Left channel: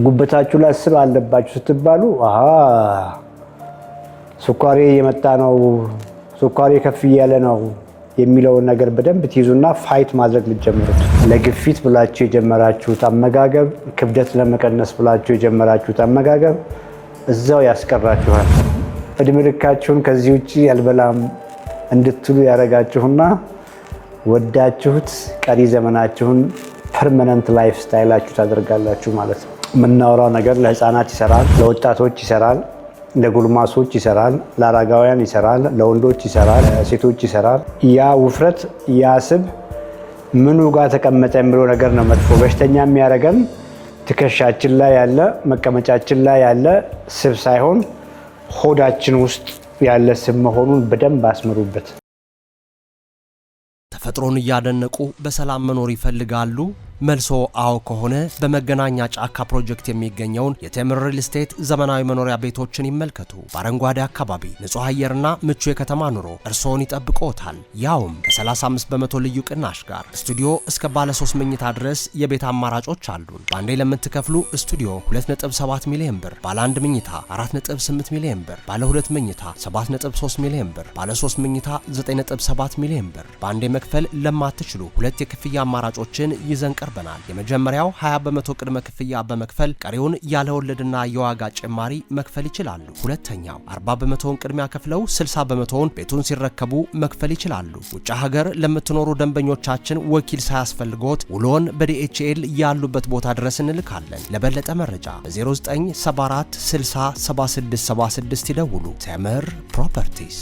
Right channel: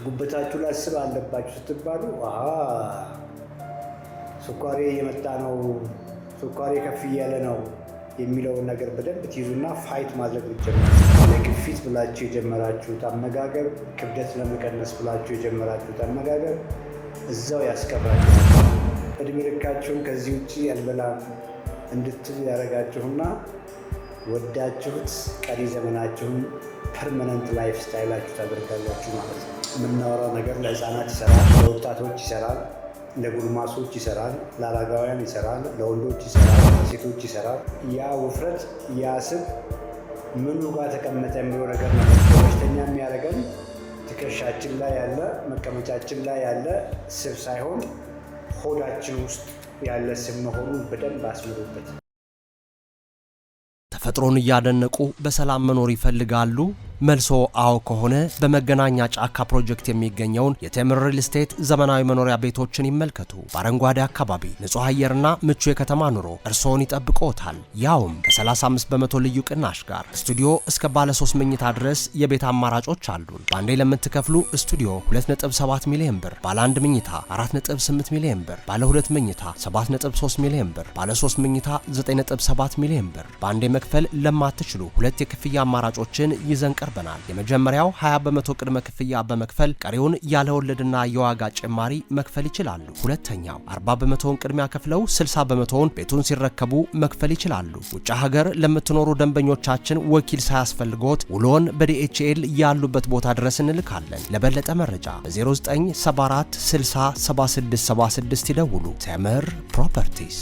ጉበታችሁ ላይ ስብ አለባችሁ ስትባሉ ስኳሬ የመጣ ነው፣ ስኳሬ ከፍ እያለ ነው የሚለውን ነገር በደንብ ትይዙና ፋይት ማድረግ ልትጀምሩት። ለግፊት ብላችሁ የጀመራችሁት አመጋገብ፣ ክብደት ለመቀነስ ብላችሁ የጀመራችሁት አመጋገብ እዛው ያስቀራችኋል። እድሜ ልካችሁን ከዚህ ውጪ አልበላም እንድትሉ ያደርጋችሁና ወዳችሁት ቀሪ ዘመናችሁን ፐርማነንት ላይፍ ስታይላችሁ ታደርጋላችሁ ማለት ነው። የምናወራው ነገር ለህፃናት ይሰራል፣ ለወጣቶች ይሰራል፣ ለጉልማሶች ይሰራል፣ ለአረጋውያን ይሰራል፣ ለወንዶች ይሰራል፣ ለሴቶች ይሰራል። ያ ውፍረት ያ ስብ ምኑ ጋር ተቀመጠ የሚለው ነገር ነው መጥፎ በሽተኛ የሚያደርገን። ትከሻችን ላይ ያለ መቀመጫችን ላይ ያለ ስብ ሳይሆን ሆዳችን ውስጥ ያለ ስብ መሆኑን በደንብ አስምሩበት። ተፈጥሮን እያደነቁ በሰላም መኖር ይፈልጋሉ? መልሶ አዎ ከሆነ በመገናኛ ጫካ ፕሮጀክት የሚገኘውን የቴምር ሪል ስቴት ዘመናዊ መኖሪያ ቤቶችን ይመልከቱ። በአረንጓዴ አካባቢ ንጹህ አየርና ምቹ የከተማ ኑሮ እርስዎን ይጠብቅዎታል። ያውም ከ35 በመቶ ልዩ ቅናሽ ጋር ስቱዲዮ እስከ ባለ 3 መኝታ ድረስ የቤት አማራጮች አሉን። በአንዴ ለምትከፍሉ ስቱዲዮ 2.7 ሚሊዮን ብር፣ ባለ 1 መኝታ 4.8 ሚሊዮን ብር፣ ባለ 2 መኝታ 7.3 ሚሊዮን ብር፣ ባለ 3 መኝታ 9.7 ሚሊዮን ብር። በአንዴ መክፈል ለማትችሉ ሁለት የክፍያ አማራጮችን ይዘን ቀርበናል። የመጀመሪያው 20 በመቶ ቅድመ ክፍያ በመክፈል ቀሪውን ያለ ወለድና የዋጋ ጭማሪ መክፈል ይችላሉ። ሁለተኛው 40 በመቶውን ቅድሚያ ከፍለው 60 በመቶውን ቤቱን ሲረከቡ መክፈል ይችላሉ። ውጭ ሀገር ለምትኖሩ ደንበኞቻችን ወኪል ሳያስፈልጎት ውሎን በዲኤችኤል ያሉበት ቦታ ድረስ እንልካለን። ለበለጠ መረጃ በ0974 60 7676 ይደውሉ። ቴምር ፕሮፐርቲስ።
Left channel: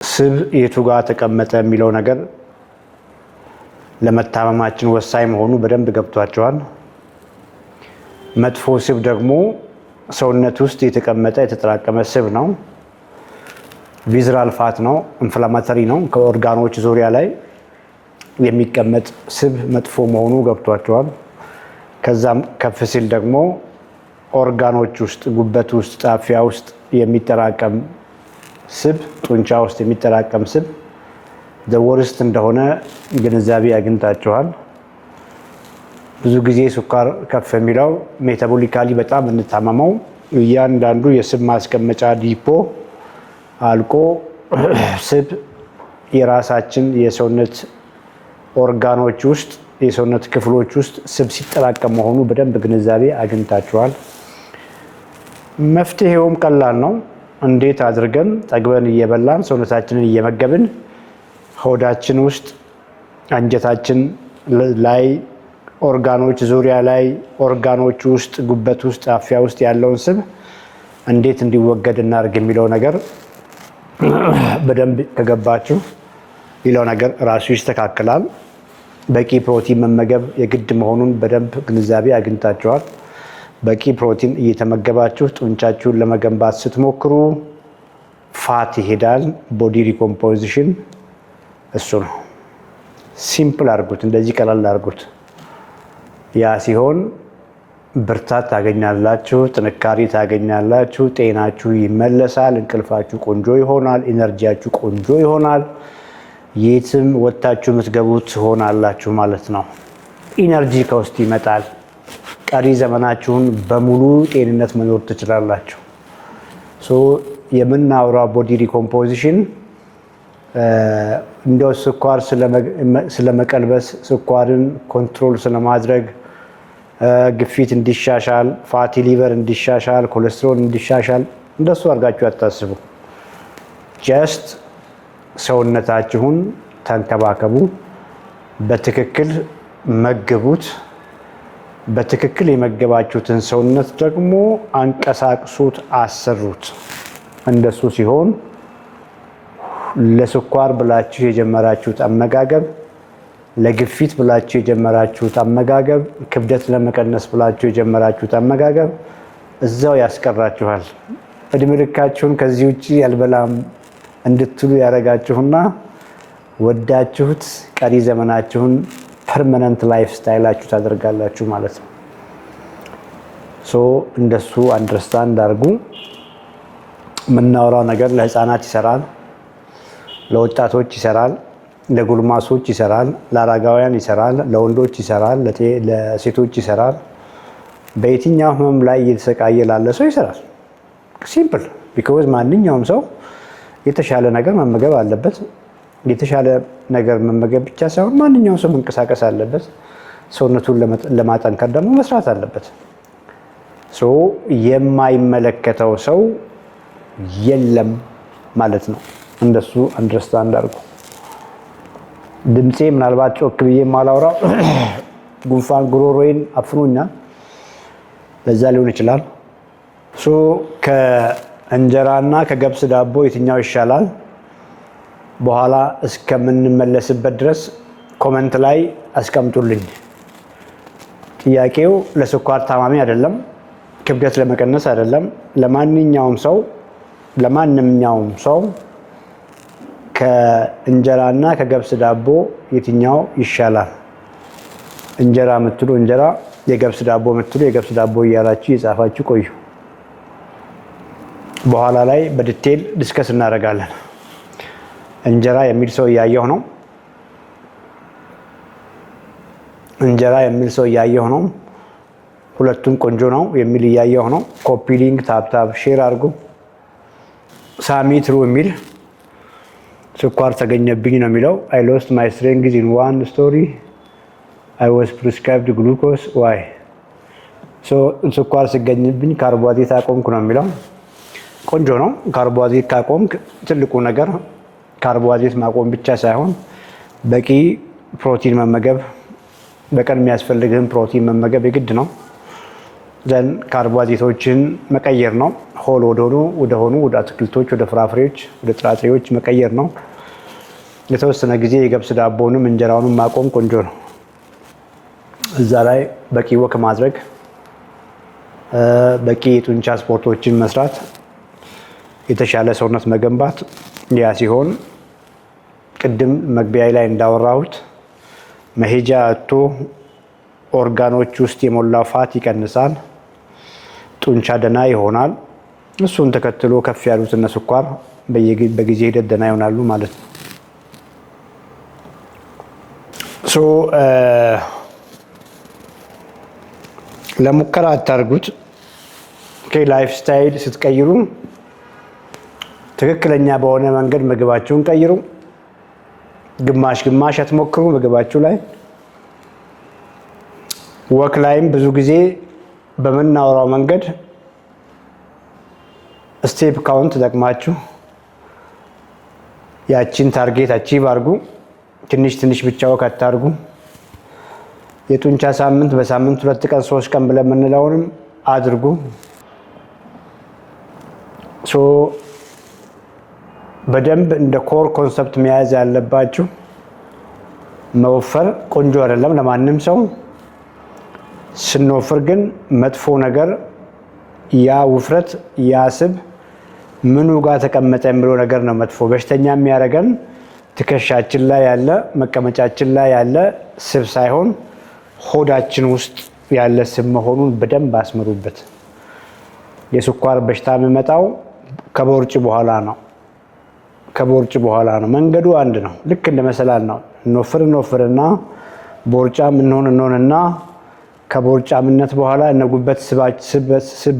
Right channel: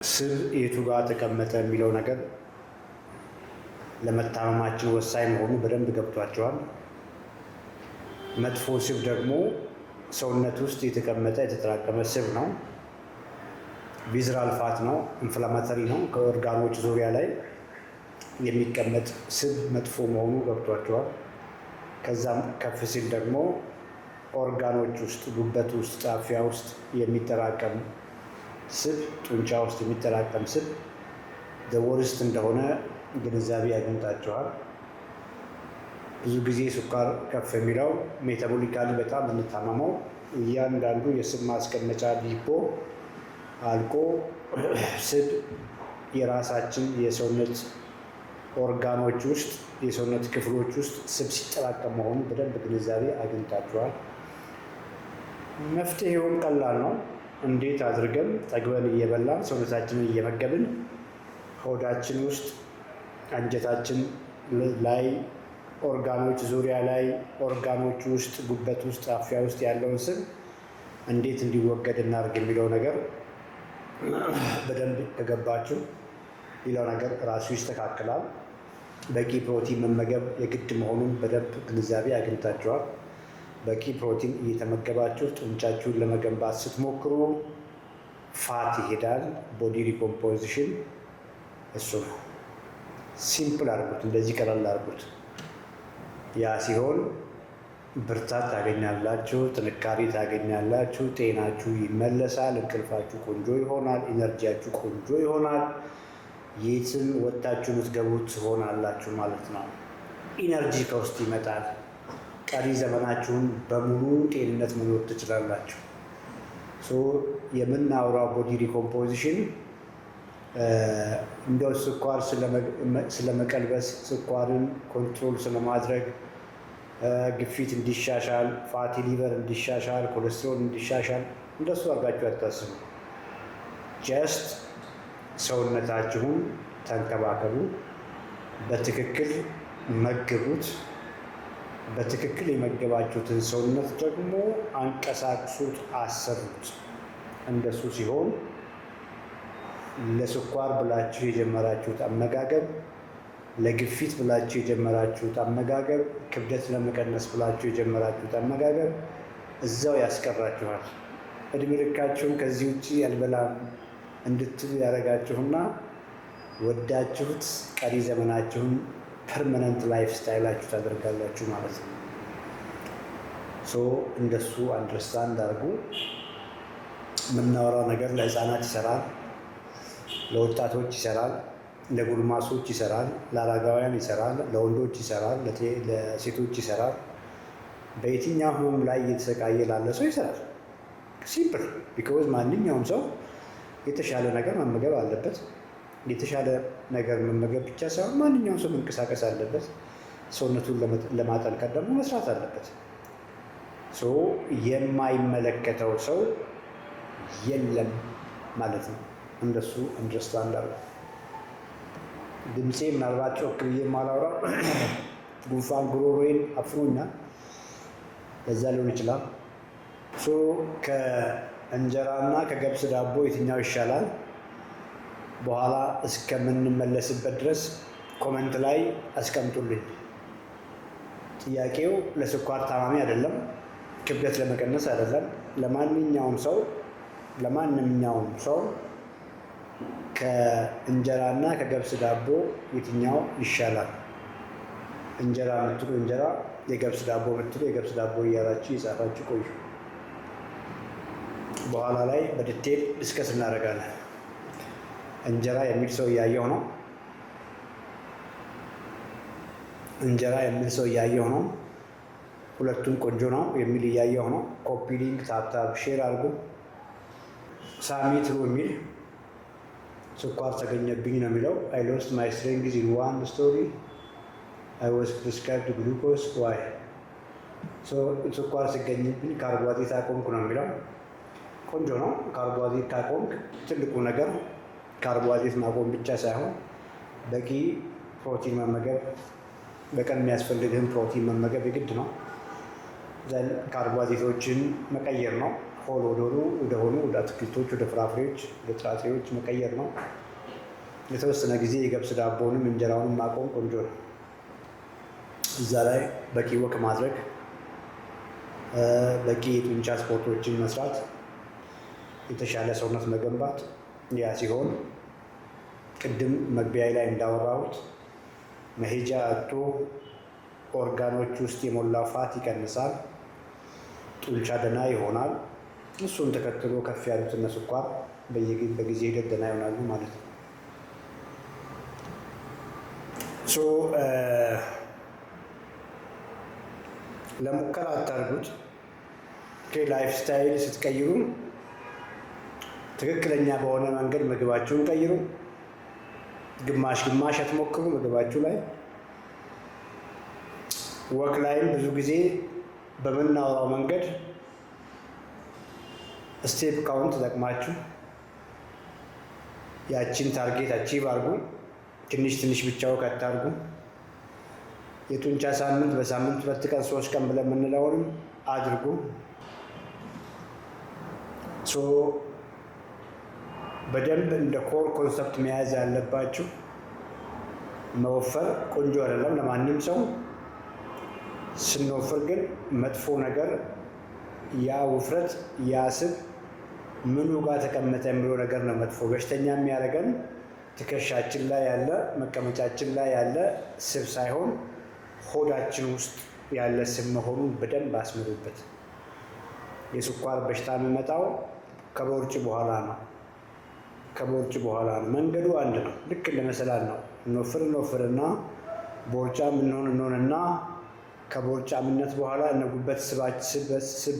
ስብ የቱ ጋር ተቀመጠ የሚለው ነገር ለመታመማችን ወሳኝ መሆኑ በደንብ ገብቷቸዋል። መጥፎ ስብ ደግሞ ሰውነት ውስጥ የተቀመጠ የተጠራቀመ ስብ ነው። ቪዝራል ፋት ነው፣ ኢንፍላማተሪ ነው። ከኦርጋኖች ዙሪያ ላይ የሚቀመጥ ስብ መጥፎ መሆኑ ገብቷቸዋል። ከዛም ከፍ ሲል ደግሞ ኦርጋኖች ውስጥ፣ ጉበት ውስጥ፣ ጣፊያ ውስጥ የሚጠራቀም ስብ፣ ጡንቻ ውስጥ የሚጠራቀም ስብ ዘወርስት እንደሆነ ግንዛቤ አግኝታችኋል። ብዙ ጊዜ ስኳር ከፍ የሚለው ሜታቦሊካሊ በጣም እንታመመው እያንዳንዱ የስብ ማስቀመጫ ዲፖ አልቆ ስብ የራሳችን የሰውነት ኦርጋኖች ውስጥ የሰውነት ክፍሎች ውስጥ ስብ ሲጠራቀም መሆኑ በደንብ ግንዛቤ አግኝታችኋል። መፍትሄውም ቀላል ነው። እንዴት አድርገን ጠግበን እየበላን ሰውነታችንን እየመገብን ሆዳችን ውስጥ አንጀታችን ላይ ኦርጋኖች ዙሪያ ላይ ኦርጋኖች ውስጥ ጉበት ውስጥ ጣፊያ ውስጥ ያለውን ስብ እንዴት እንዲወገድ እናድርግ የሚለው ነገር በደንብ ከገባችሁ ሌላው ነገር ራሱ ይስተካከላል። በቂ ፕሮቲን መመገብ የግድ መሆኑን በደንብ ግንዛቤ አግኝታችኋል። በቂ ፕሮቲን እየተመገባችሁ ጡንቻችሁን ለመገንባት ስትሞክሩ ፋት ይሄዳል። ቦዲ ሪኮምፖዚሽን እሱ ነው። ሲምፕል አድርጉት፣ እንደዚህ ቀላል አድርጉት። ያ ሲሆን ብርታት ታገኛላችሁ፣ ጥንካሬ ታገኛላችሁ፣ ጤናችሁ ይመለሳል፣ እንቅልፋችሁ ቆንጆ ይሆናል፣ ኢነርጂያችሁ ቆንጆ ይሆናል። የትም ወጥታችሁ የምትገቡት ሆናላችሁ ማለት ነው። ኢነርጂ ከውስጥ ይመጣል። ቀሪ ዘመናችሁን በሙሉ ጤንነት መኖር ትችላላችሁ። የምናወራው ቦዲ ሪኮምፖዚሽን እንደው ስኳር ስለመቀልበስ፣ ስኳርን ኮንትሮል ስለማድረግ፣ ግፊት እንዲሻሻል፣ ፋቲ ሊቨር እንዲሻሻል፣ ኮሌስትሮል እንዲሻሻል እንደሱ አድርጋችሁ አታስቡ። ጀስት ሰውነታችሁን ተንከባከቡ፣ በትክክል መግቡት። በትክክል የመገባችሁትን ሰውነት ደግሞ አንቀሳቅሱት፣ አሰሩት። እንደሱ ሲሆን ለስኳር ብላችሁ የጀመራችሁት አመጋገብ፣ ለግፊት ብላችሁ የጀመራችሁት አመጋገብ፣ ክብደት ለመቀነስ ብላችሁ የጀመራችሁት አመጋገብ እዛው ያስቀራችኋል። እድሜ ልካችሁን ከዚህ ውጪ አልበላም እንድትሉ ያደርጋችሁና ወዳችሁት ቀሪ ዘመናችሁን ፐርማነንት ላይፍ ስታይላችሁ ታደርጋላችሁ ማለት ነው። እንደሱ አንደርስታንድ አድርጉ። የምናወራው ነገር ለህፃናት ይሰራል፣ ለወጣቶች ይሰራል፣ ለጉልማሶች ይሰራል፣ ለአረጋውያን ይሰራል፣ ለወንዶች ይሰራል፣ ለሴቶች ይሰራል። በየትኛው ህመም ላይ እየተሰቃየ ላለ ሰው ይሰራል። ሲምፕል ቢኮዝ ማንኛውም ሰው የተሻለ ነገር መመገብ አለበት። የተሻለ ነገር መመገብ ብቻ ሳይሆን ማንኛውም ሰው መንቀሳቀስ አለበት። ሰውነቱን ለማጠንከር ደግሞ መስራት አለበት። የማይመለከተው ሰው የለም ማለት ነው። እንደሱ አንደርስታንድ አድርጉ። ድምፄ ምናልባት ጮክ ብዬ ማላውራ ጉንፋን ጉሮሮዬን አፍኖኛል፣ ለዛ ሊሆን ይችላል። ከእንጀራና ከገብስ ዳቦ የትኛው ይሻላል? በኋላ እስከምንመለስበት ድረስ ኮመንት ላይ አስቀምጡልኝ። ጥያቄው ለስኳር ታማሚ አይደለም፣ ክብደት ለመቀነስ አይደለም። ለማንኛውም ሰው ከእንጀራና ከገብስ ዳቦ የትኛው ይሻላል? እንጀራ የምትሉ እንጀራ፣ የገብስ ዳቦ የምትሉ የገብስ ዳቦ እያላችሁ የጻፋችሁ ቆዩ። በኋላ ላይ በዲቴል ዲስከስ እናደርጋለን። እንጀራ የሚል ሰው እያየሁ ነው። ሁለቱም ቆንጆ ነው የሚል እያየሁ ነው። ኮፒ ሊንክ ታፕታፕ ሼር አድርጉ። ሳሚ ትሩ የሚል ስኳር ተገኘብኝ ነው የሚለው። አይ ሎስት ማይ ስትሬንግዝ ኢን ዋን ስቶሪ አይ ዋዝ ፕሪስክራይብድ ግሉኮስ ዋይ። ስኳር ሲገኝብኝ ካርቦሃይድሬት አቆምኩ ነው የሚለው። ቆንጆ ነው። ካርቦሃይድሬት ካቆምክ ትልቁ ነገር ካርቦሃይድሬት ማቆም ብቻ ሳይሆን በቂ ፕሮቲን መመገብ፣ በቀን የሚያስፈልግህን ፕሮቲን መመገብ የግድ ነው። ዘን ካርቦሃይድሬቶችን መቀየር ነው። ሆል ወደ አትክልቶች፣ ወደ ፍራፍሬዎች፣ ወደ ጥራጥሬዎች መቀየር ነው። የተወሰነ ጊዜ የገብስ ዳቦንም እንጀራውንም ማቆም ቆንጆ ነው። እዛ ላይ በቂ ወክ ማድረግ፣ በቂ የጡንቻ ስፖርቶችን መስራት፣ የተሻለ ሰውነት መገንባት። ያ ሲሆን ቅድም መግቢያ ላይ እንዳወራሁት መሄጃ አጥቶ ኦርጋኖች ውስጥ የሞላው ፋት ይቀንሳል፣ ጡንቻ ደህና ይሆናል። እሱን ተከትሎ ከፍ ያሉት እነ ስኳር በጊዜ ሂደት ደህና ይሆናሉ ማለት ነው። ለሙከራ አታርጉት። ላይፍ ስታይል ስትቀይሩ ትክክለኛ በሆነ መንገድ ምግባችሁን ቀይሩ። ግማሽ አትሞክሩ ምግባችሁ ላይ። ወክ ላይም ብዙ ጊዜ በምናወራው መንገድ ስቴፕ ካውንት ተጠቅማችሁ ያቺን ታርጌት አቺቭ አድርጉ። ትንሽ ብቻ ወክ አታርጉ። የጡንቻ ሳምንት በሳምንት 2 ቀን 3 ቀን ብለን የምንለውንም አድርጉ። በደንብ እንደ ኮር ኮንሰፕት መያዝ ያለባችሁ መወፈር ቆንጆ አይደለም ለማንም ሰው። ስንወፍር ግን መጥፎ ነገር ያ ውፍረት ያ ስብ ምኑ ጋር ተቀመጠ የሚለው ነገር ነው መጥፎ። በሽተኛ የሚያደርገን ትከሻችን ላይ ያለ መቀመጫችን ላይ ያለ ስብ ሳይሆን ሆዳችን ውስጥ ያለ ስብ መሆኑን በደንብ አስምሩበት። የስኳር በሽታ የሚመጣው ከቦርጭ በኋላ ነው። መንገዱ አንድ ነው። ልክ እንደ መሰላል ነው። እንወፍርና ቦርጫም እንሆንና ከቦርጫምነት በኋላ እነጉበት ስብ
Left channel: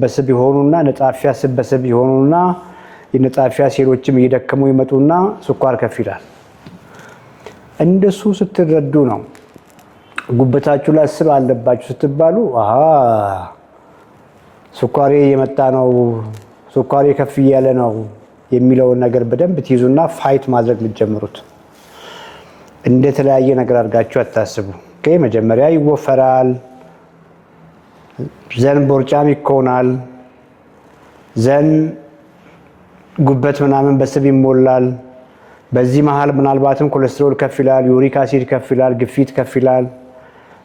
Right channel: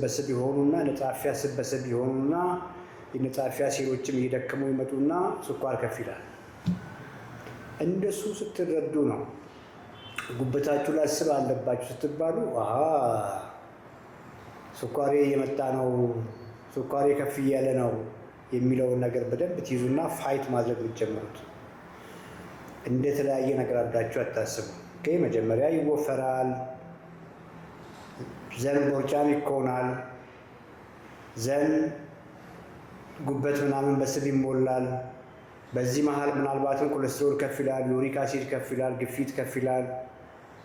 በስብ ይሆኑና ነጣፊያ ስብ በስብ ይሆኑና የነጣፊያ ሴሎችም እየደከሙ ይመጡና ስኳር ከፍ ይላል። እንደሱ ስትረዱ ነው ጉበታችሁ ላይ ስብ አለባችሁ ስትባሉ ስኳሬ የመጣ ነው፣ ስኳሬ ከፍ እያለ ነው የሚለውን ነገር በደንብ ትይዙና ፋይት ማድረግ የምትጀምሩት። እንደተለያየ ነገር አድርጋችሁ አታስቡ። መጀመሪያ ይወፈራል፣ ዘን ቦርጫም ይኮናል፣ ዘን ጉበት ምናምን በስብ ይሞላል። በዚህ መሀል ምናልባትም ኮሌስትሮል ከፍ ይላል፣ ዩሪክ አሲድ ከፍ ይላል፣ ግፊት ከፍ ይላል።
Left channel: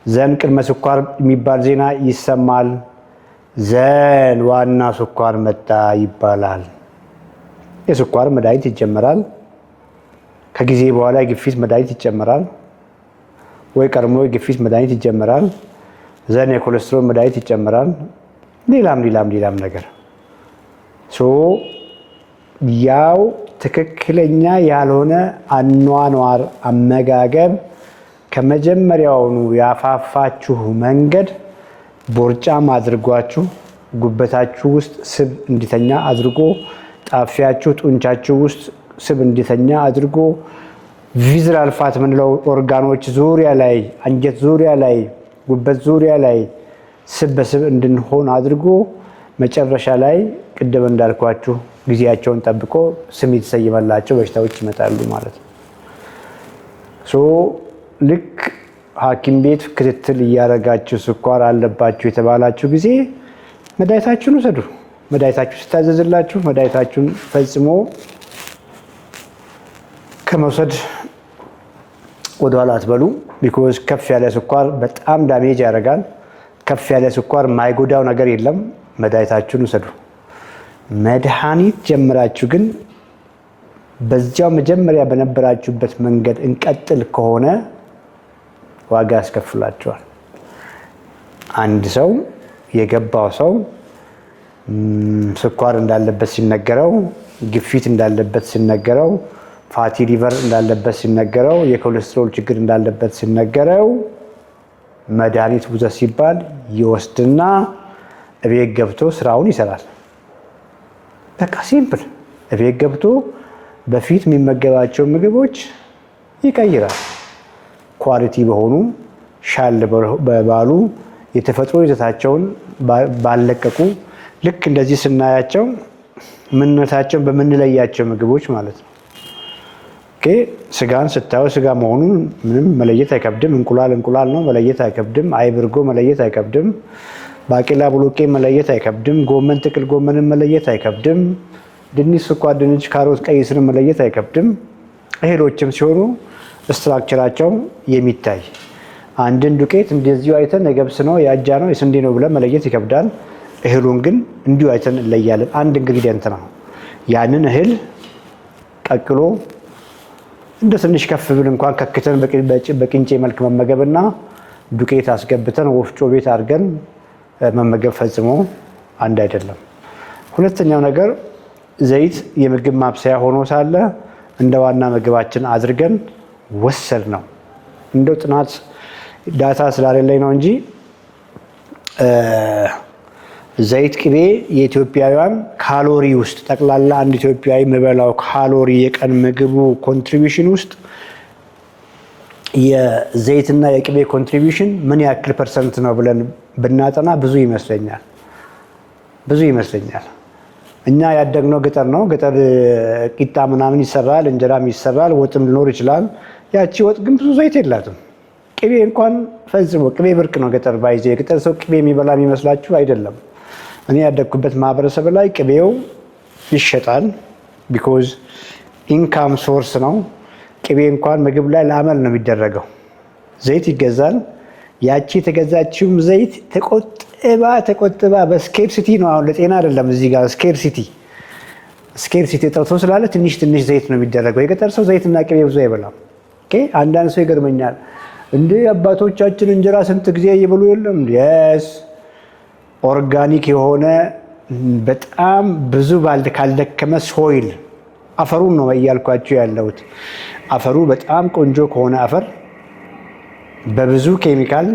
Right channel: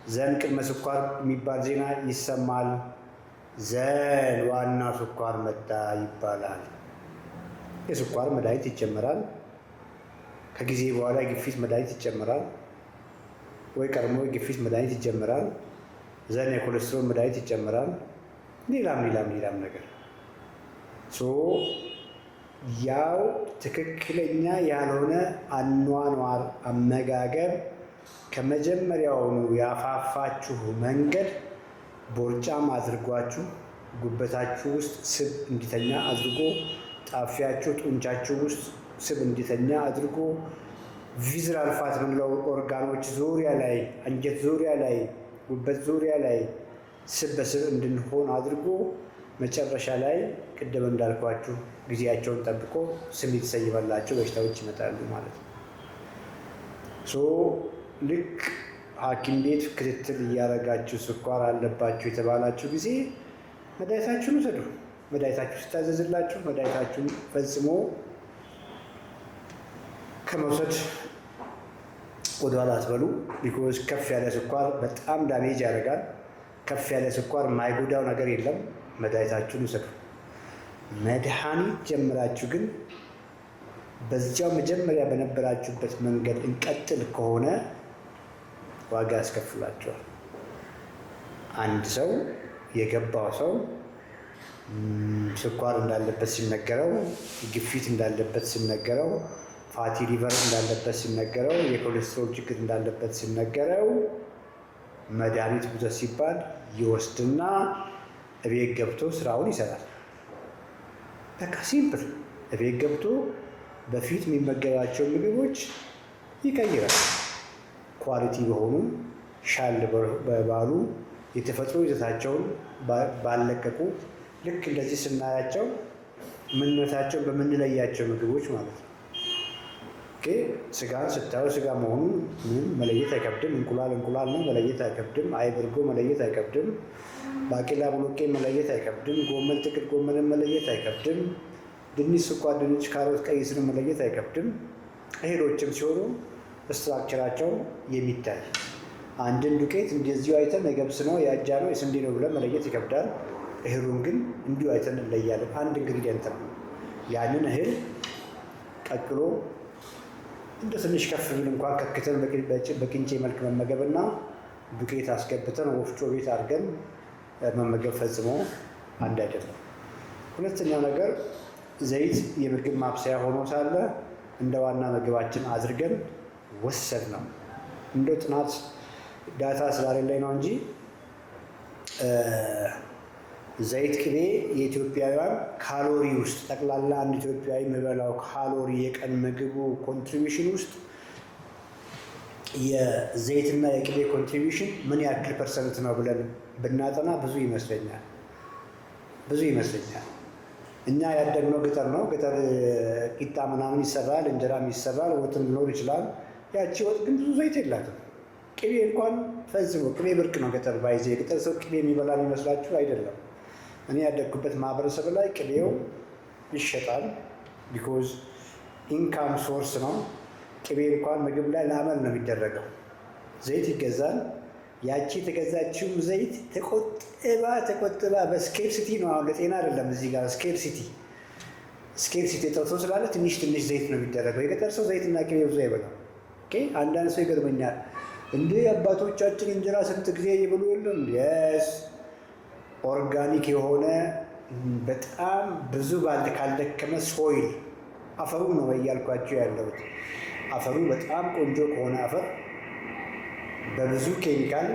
ዘን ቅድመ ስኳር የሚባል ዜና ይሰማል። ዘን ዋና ስኳር መጣ ይባላል። የስኳር መድኃኒት ይጀመራል። ከጊዜ በኋላ የግፊት መድኃኒት ይጨመራል፣ ወይ ቀድሞ የግፊት መድኃኒት ይጀመራል። ዘን የኮሌስትሮል መድኃኒት ይጨመራል። ሌላም ነገር ያው ትክክለኛ ያልሆነ አኗኗር አመጋገብ ከመጀመሪያውኑ ያፋፋችሁ መንገድ ቦርጫም አድርጓችሁ ጉበታችሁ ውስጥ ስብ እንዲተኛ አድርጎ ጣፊያችሁ ጡንቻችሁ ውስጥ ስብ እንዲተኛ አድርጎ ቪዝራል ፋት ምንለው ኦርጋኖች ዙሪያ ላይ አንጀት ዙሪያ ላይ ጉበት ዙሪያ ላይ ስብ በስብ እንድንሆን አድርጎ መጨረሻ ላይ ቅድም እንዳልኳችሁ ጊዜያቸውን ጠብቆ ስም የተሰየመላቸው በሽታዎች ይመጣሉ ማለት ነው። ልክ ሐኪም ቤት ክትትል እያደረጋችሁ ስኳር አለባችሁ የተባላችሁ ጊዜ መድኃኒታችሁን ውሰዱ። መድኃኒታችሁ ስታዘዝላችሁ መድኃኒታችሁን ፈጽሞ ከመውሰድ ወደኋላ አትበሉ። ቢኮዝ ከፍ ያለ ስኳር በጣም ዳሜጅ ያደርጋል። ከፍ ያለ ስኳር የማይጎዳው ነገር የለም። መድኃኒታችሁን ውሰዱ። መድኃኒት ጀምራችሁ ግን በዚያው መጀመሪያ በነበራችሁበት መንገድ እንቀጥል ከሆነ ዋጋ ያስከፍላችኋል። አንድ ሰው የገባው ሰው ስኳር እንዳለበት ሲነገረው፣ ግፊት እንዳለበት ሲነገረው፣ ፋቲ ሊቨር እንዳለበት ሲነገረው፣ የኮሌስትሮል ችግር እንዳለበት ሲነገረው መድኃኒት ውሰድ ሲባል ይወስድና እቤት ገብቶ ስራውን ይሰራል። በቃ ሲምፕል። እቤት ገብቶ በፊት የሚመገባቸው ምግቦች ይቀይራል። ኳሊቲ በሆኑ ሻል በባሉ የተፈጥሮ ይዘታቸውን ባለቀቁ ልክ እንደዚህ ስናያቸው ምንነታቸውን በምንለያቸው ምግቦች ማለት ነው። ስጋን ስታዩ ስጋ መሆኑን ምንም መለየት አይከብድም። እንቁላል እንቁላል ነው መለየት አይከብድም። አይብ እርጎ መለየት አይከብድም። ባቄላ ቦሎቄ መለየት አይከብድም። ጎመን ጥቅል ጎመንን መለየት አይከብድም። ድንች፣ ስኳር ድንች፣ ካሮት፣ ቀይ ስርን መለየት አይከብድም። እህሎችም ሲሆኑ ስትራክቸራቸው የሚታይ አንድን ዱቄት እንደዚሁ አይተን የገብስ ነው የአጃ ነው የስንዴ ነው ብለን መለየት ይከብዳል። እህሉን ግን እንዲሁ አይተን እንለያለን። አንድ ኢንግሪዲየንት ነው። ያንን እህል ቀቅሎ እንደ ትንሽ ከፍ ብል እንኳን ከክተን በቅንጬ መልክ መመገብና ዱቄት አስገብተን ወፍጮ ቤት አድርገን መመገብ ፈጽሞ አንድ አይደለም። ሁለተኛው ነገር ዘይት የምግብ ማብሰያ ሆኖ ሳለ እንደ ዋና ምግባችን አድርገን ወሰድ ነው። እንደው ጥናት ዳታ ስላሌለኝ ነው እንጂ ዘይት፣ ቅቤ የኢትዮጵያውያን ካሎሪ ውስጥ ጠቅላላ አንድ ኢትዮጵያዊ የሚበላው ካሎሪ የቀን ምግቡ ኮንትሪቢዩሽን ውስጥ የዘይትና የቅቤ ኮንትሪቢዩሽን ምን ያክል ፐርሰንት ነው ብለን ብናጠና ብዙ ይመስለኛል። እኛ ያደግነው ገጠር ነው። ገጠር ቂጣ ምናምን ይሰራል፣ እንጀራም ይሰራል፣ ወጥም ሊኖር ይችላል። ያቺ ወጥ ግን ብዙ ዘይት የላትም። ቅቤ እንኳን ፈጽሞ ቅቤ ብርቅ ነው ገጠር ባይዘ የገጠር ሰው ቅቤ የሚበላ የሚመስላችሁ አይደለም። እኔ ያደግኩበት ማህበረሰብ ላይ ቅቤው ይሸጣል። ቢኮዝ ኢንካም ሶርስ ነው። ቅቤ እንኳን ምግብ ላይ ለአመል ነው የሚደረገው። ዘይት ይገዛል። ያቺ የተገዛችውም ዘይት ተቆጥባ በስኬርሲቲ ነው። አሁን ለጤና አይደለም። እዚህ ጋር ስኬርሲቲ ጠርቶ ስላለ ትንሽ ዘይት ነው የሚደረገው። የገጠር ሰው ዘይትና ቅቤ ብዙ አይበላም። አንዳንድ ሰው ይገርመኛል። እንደ አባቶቻችን እንጀራ ስንት ጊዜ እየበሉ የለም? የስ ኦርጋኒክ የሆነ በጣም ብዙ ካልደከመ ሶይል አፈሩን ነው እያልኳቸው ያለሁት። አፈሩ በጣም ቆንጆ ከሆነ አፈር በብዙ ኬሚካል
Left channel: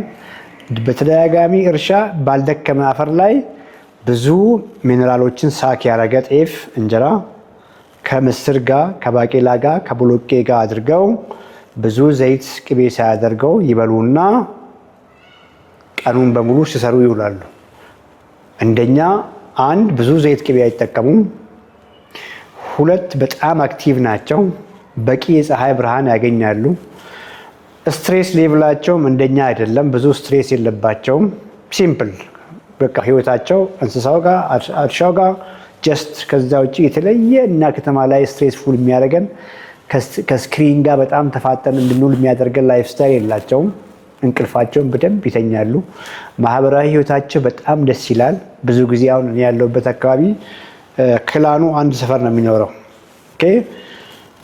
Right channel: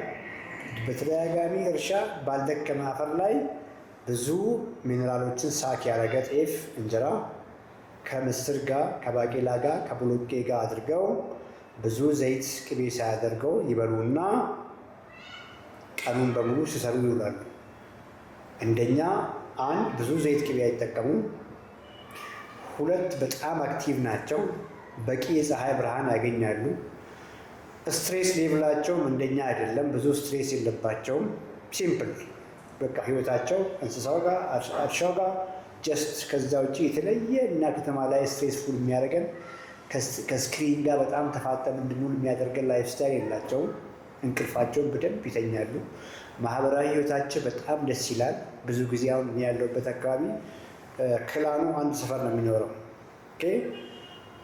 በተደጋጋሚ እርሻ ባልደከመ አፈር ላይ ብዙ ሚኔራሎችን ሳክ ያረገ ጤፍ እንጀራ ከምስር ጋር ከባቄላ ጋር ከቦሎቄ ጋር አድርገው ብዙ ዘይት ቅቤ ሳያደርገው ይበሉና ቀኑን በሙሉ ሲሰሩ ይውላሉ። እንደኛ አንድ ብዙ ዘይት ቅቤ አይጠቀሙም። ሁለት በጣም አክቲቭ ናቸው። በቂ የፀሐይ ብርሃን ያገኛሉ። ስትሬስ ሌቭላቸውም እንደኛ አይደለም። ብዙ ስትሬስ የለባቸውም። ሲምፕል በቃ ህይወታቸው እንስሳው ጋር እርሻው ጋር ጀስት ከዛ ውጭ የተለየ እና ከተማ ላይ ስትሬስፉል የሚያደርገን ከስክሪን ጋር በጣም ተፋጠን እንድንውል የሚያደርገን ላይፍ ስታይል የላቸውም። እንቅልፋቸውን በደንብ ይተኛሉ። ማህበራዊ ህይወታቸው በጣም ደስ ይላል። ብዙ ጊዜ አሁን ያለሁበት አካባቢ ክላኑ አንድ ሰፈር ነው የሚኖረው።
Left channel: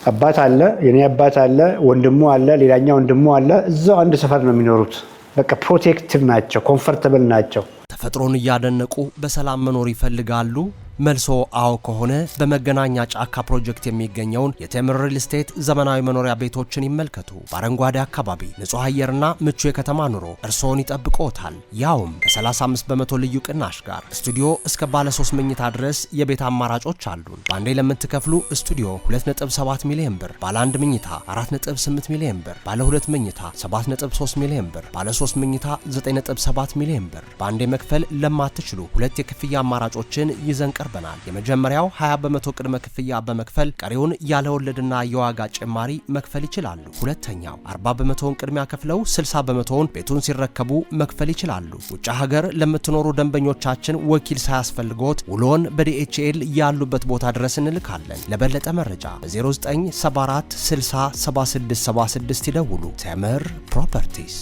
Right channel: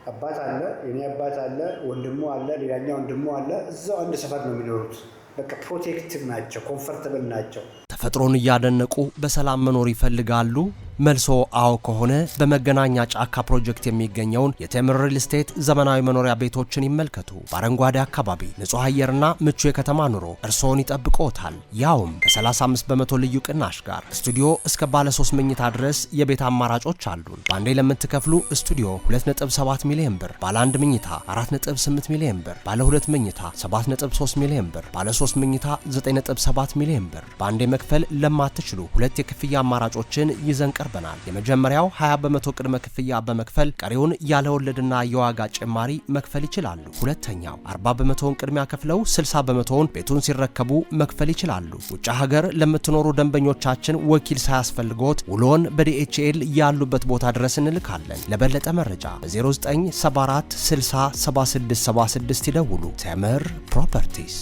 አባት አለ፣ የኔ አባት አለ፣ ወንድሙ አለ፣ ሌላኛው ወንድሙ አለ። እዛው አንድ ሰፈር ነው የሚኖሩት። በቃ ፕሮቴክቲቭ ናቸው፣ ኮምፎርታብል ናቸው። ተፈጥሮን እያደነቁ በሰላም መኖር ይፈልጋሉ። መልሶ አዎ ከሆነ በመገናኛ ጫካ ፕሮጀክት የሚገኘውን የቴምር ሪል ስቴት ዘመናዊ መኖሪያ ቤቶችን ይመልከቱ። በአረንጓዴ አካባቢ ንጹህ አየርና ምቹ የከተማ ኑሮ እርስዎን ይጠብቅዎታል። ያውም ከ35 በመቶ ልዩ ቅናሽ ጋር ስቱዲዮ እስከ ባለ 3 መኝታ ድረስ የቤት አማራጮች አሉን። በአንዴ ለምትከፍሉ ስቱዲዮ 2.7 ሚሊዮን ብር፣ ባለ 1 መኝታ 4.8 ሚሊዮን ብር፣ ባለ 2 መኝታ 7.3 ሚሊዮን ብር፣ ባለ 3 መኝታ 9.7 ሚሊዮን ብር። በአንዴ መክፈል ለማትችሉ ሁለት የክፍያ አማራጮችን ይዘን ቀርበናል። የመጀመሪያው 20 በመቶ ቅድመ ክፍያ በመክፈል ቀሪውን ያለ ወለድና የዋጋ ጭማሪ መክፈል ይችላሉ። ሁለተኛው 40 በመቶውን ቅድሚያ ከፍለው 60 በመቶውን ቤቱን ሲረከቡ መክፈል ይችላሉ። ውጭ ሀገር ለምትኖሩ ደንበኞቻችን ወኪል ሳያስፈልጎት ውሎን በዲኤችኤል ያሉበት ቦታ ድረስ እንልካለን። ለበለጠ መረጃ በ0974 60 7676 ይደውሉ። ቴምር ፕሮፐርቲስ